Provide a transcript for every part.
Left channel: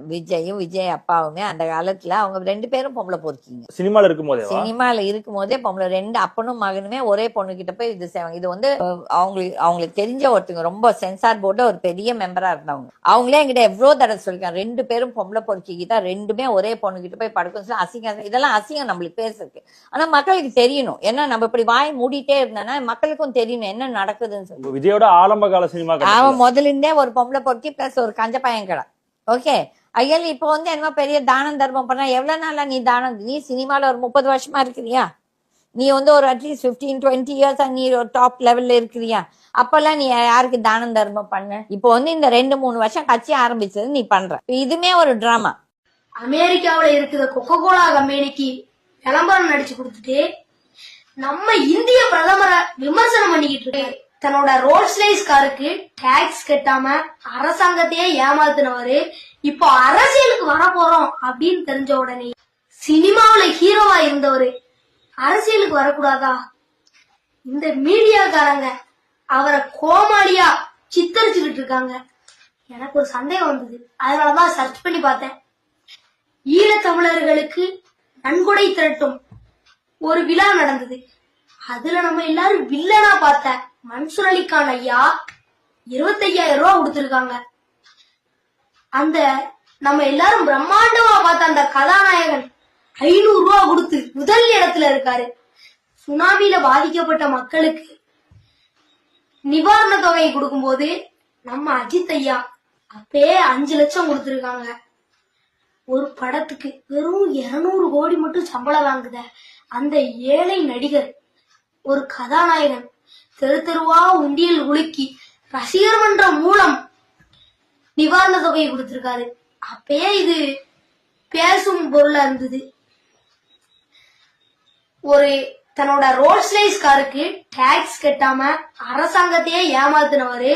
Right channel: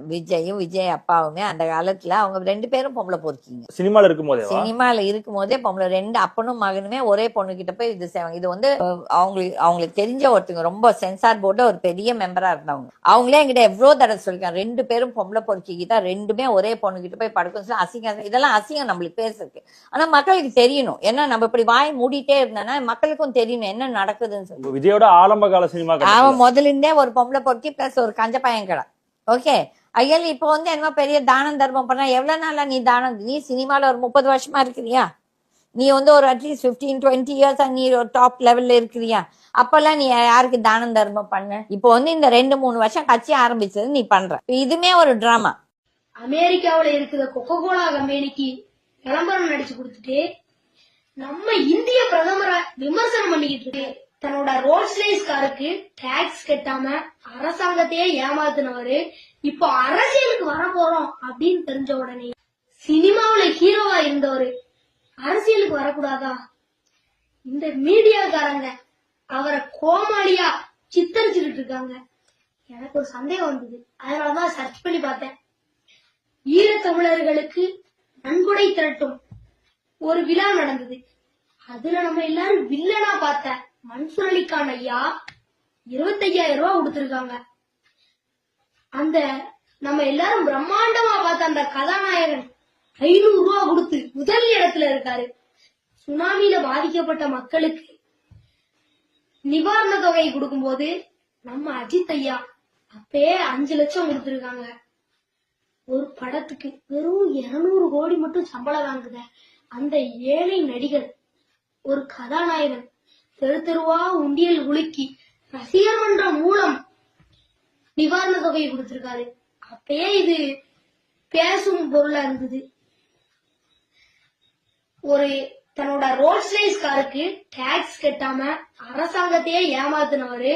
விஜயும் விஜய் அப்பாவுமே அந்த காலத்துல அவங்க ரெண்டு பேரும் பொம்பளை பொறுக்கிங்க. சினிமால இருக்கும் போதேவா சினிமால இருக்கும் போதே பொம்பளை ரெண்டு அப்பனும் மகனுமே ஒரே பொண்ணு கிட்ட போய் இது செய்வாங்க. இது வந்து அவங்களுக்கு அவங்களுக்கு தெரிஞ்ச ஒருத்தங்க ரொம்ப சென்சார் போர்டு ஒரு பெரிய மெம்பரா இருந்தவங்க. அவங்களே என்கிட்ட எவ்வளவு தடவை சொல்லிருக்காங்க ரெண்டு பேரும் பொம்பளை பொறுக்கிக்கிட்டா ரெண்டுமே ஒரே பொண்ணு கிட்ட போய் படுக்கும் சொல்லி அசிங்கம் இதெல்லாம் அசிங்கம் நம்மளுக்கு பேசுறதுக்கு. ஆனா மக்களுக்கு தெரியணும். ஏன்னா நம்ம இப்படி வாய் மூடிட்டே இருந்தோம்னா மக்களுக்கும் தெரியணும் என்ன நடக்குதுன்னு சொல்லி. விஜயோட ஆரம்ப கால சினிமா அவன் முதல்ல இருந்தே ஒரு பொம்பளை பொறுக்கி பிளஸ் ஒரு கஞ்ச பையன் கடை. ஓகே ஐயல் இப்போ வந்து என்னமோ பெரிய தானம் தர்மம் பண்ணா எவ்வளவு நாளா நீ தானம்? நீ சினிமால ஒரு முப்பது வருஷமா இருக்கிறியா? நீ வந்து ஒரு அட்லீஸ்ட் ஃபிஃப்டீன் டுவெண்ட்டி இயர்ஸ் நீ ஒரு டாப் லெவல்ல இருக்கிறியா? அப்பெல்லாம் நீ யாருக்கு தானம் தர்மம் பண்ண? இப்போ வந்து இந்த ரெண்டு மூணு வருஷம் கட்சி ஆரம்பிச்சது நீ பண்ற. இதுமே ஒரு டிராமா அமெரிக்காவுல இருக்கிற கொக்கோ கோலா கம்பெனிக்கு விளம்பரம் நடிச்சு கொடுத்துட்டு நம்ம இந்திய பிரதமரை விமர்சனம் பண்ணிக்கிட்டு இருக்கேன் தன்னோட ரோல்ஸ் ரைஸ் காருக்கு டாக்ஸ் கட்டாம அரசாங்கத்தையே ஏமாத்தினவரு. இப்போ அரசியலுக்கு வர போறோம் அப்படின்னு தெரிஞ்ச உடனே சினிமாவில ஹீரோவா இருந்தவரு. அரசியலுக்கு வரக்கூடாதா? இந்த மீடியாக்காரங்க அவரை கோமாளியா சித்தரிச்சுக்கிட்டு இருக்காங்க. எனக்கு ஒரு சந்தேகம் வந்தது. அதனாலதான் சர்ச் பண்ணி பார்த்தேன். ஈழத்தமிழர்களுக்கு நன்கொடை திரட்டும் ஒரு விழா நடந்தது. அதுல நம்ம எல்லாரும் வில்லனா பார்த்தேன் மன்சூர் அலிகான் ஐயா இருபத்தையாயிரம் ரூபா கொடுத்திருக்காங்க. அந்த நம்ம எல்லாரும் பிரம்மாண்டமா பார்த்த அந்த கதாநாயகன் ஐநூறு ரூபா கொடுத்து முதல் இடத்துல இருக்காரு. சுனாமியில பாதிக்கப்பட்ட மக்களுக்கு நிவாரண தொகையை கொடுக்கும்போது நம்ம அஜித் ஐயா அப்பயே அஞ்சு லட்சம் கொடுத்திருக்காங்க. ஒரு படத்துக்கு வெறும் 200 கோடி மட்டும் சம்பளம் வாங்குத அந்த ஏழை நடிகர் ஒரு கதாநாயகன் தெரு தெருவா உண்டியல் உலுக்கி ரசிகர் மன்றம் மூலம் நிவாரண தொகையை கொடுத்திருக்காரு. அப்பயே இது பேசும் பொருளா இருந்தது. ஒரு தன்னோட ரோல்ஸ் சைஸ் காருக்கு டாக்ஸ் கட்டாம அரசாங்கத்தையே ஏமாத்தினவரு.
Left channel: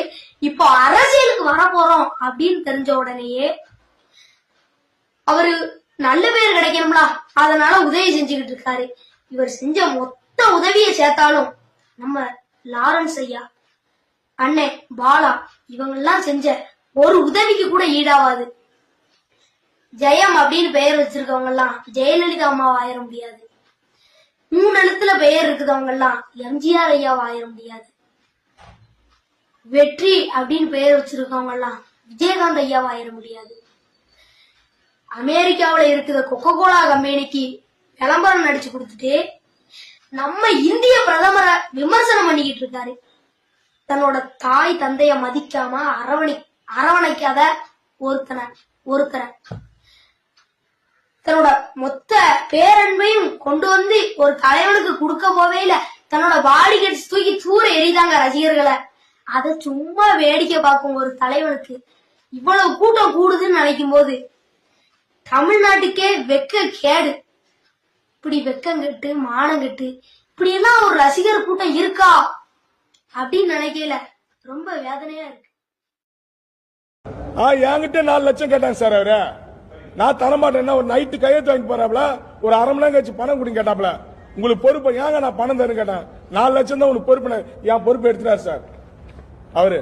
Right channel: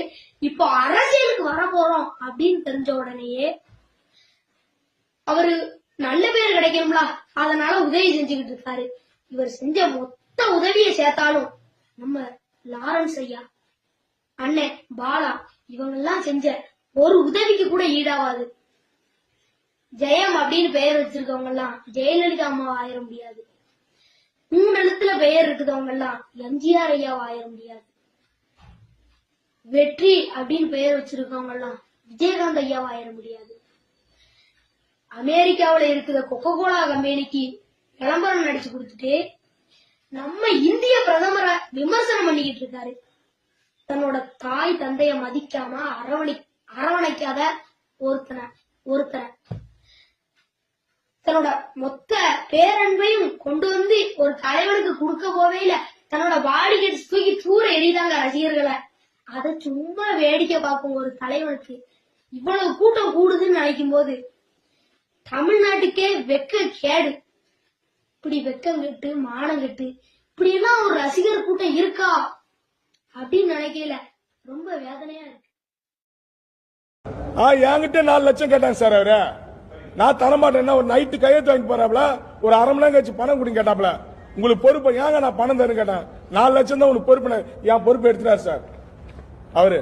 இப்போ அரசியலுக்கு வர போறோம் அப்படின்னு தெரிஞ்ச உடனேயே அவரு நல்ல பேர் கிடைக்கணும்ல. அதனால உதவி செஞ்சுக்கிட்டு இருக்காரு. இவர் செஞ்ச மொத்த உதவியை சேர்த்தாலும் நம்ம லாரன்ஸ் ஐயா அண்ணே பாலா இவங்கெல்லாம் செஞ்ச ஒரு உதவிக்கு கூட ஈடாவாது ஜெயம் அப்படின்னு பெயர் வச்சிருக்கவங்க எல்லாம் ஜெயலலிதா அம்மாவை ஆயிர முடியாது. மூணு எழுத்துல பெயர் இருக்கிறவங்க எல்லாம் எம்ஜிஆர் ஐயாவை ஆயிர முடியாது. வெற்றி அப்படின்னு பெயர் வச்சிருக்கவங்க எல்லாம் விஜயகாந்த் ஐயாவை ஆயிர முடியாது. அமெரிக்காவில் இருக்கிற கொக்கோ கோலா கம்பெனிக்கு விளம்பரம் நடிச்சு கொடுத்துட்டு நம்ம இந்திய பிரதமரை விமர்சனம் பண்ணிக்கிட்டு இருக்காரு. தன்னோட தாய் தந்தைய மதிக்காம அரவணை அரவணைக்காத ஒருத்தனை ஒருத்தரை. தன்னோட மொத்த பேரன்பையும் கொண்டு வந்து ஒரு தலைவனுக்கு கொடுக்க போவே இல்ல. தன்னோட பாடி தூக்கி தூர எரிதாங்க ரசிகர்களை. அத சும்மா வேடிக்கை பார்க்கும் ஒரு தலைவனுக்கு இவ்வளவு கூட்டம் கூடுதுன்னு நினைக்கும் போது தமிழ்நாட்டுக்கே வெக்க கேடு. இப்படி வெக்கங்கட்டு மானங்கட்டு இப்படி எல்லாம் ஒரு ரசிகர் கூட்டம் இருக்கா? அப்படின்னு நினைக்கல. ரொம்ப வேதனையா இருக்கு. ஆ என்கிட்ட நாலு லட்சம் கேட்டாங்க சார் அவரு. நான் தரமாட்டேன்னா ஒரு நைட்டு கையெழுத்து வாங்கி போறாப்ல ஒரு அரை மணி நேரம் கழிச்சு பணம் கொடுங்க கேட்டாப்ல உங்களுக்கு பொறுப்பு ஏங்க நான் பணம் தரேன்னு கேட்டேன். நாலு லட்சம் தான் உங்களுக்கு பொறுப்பு என் பொறுப்பு எடுத்துட்டாரு சார். அவரு.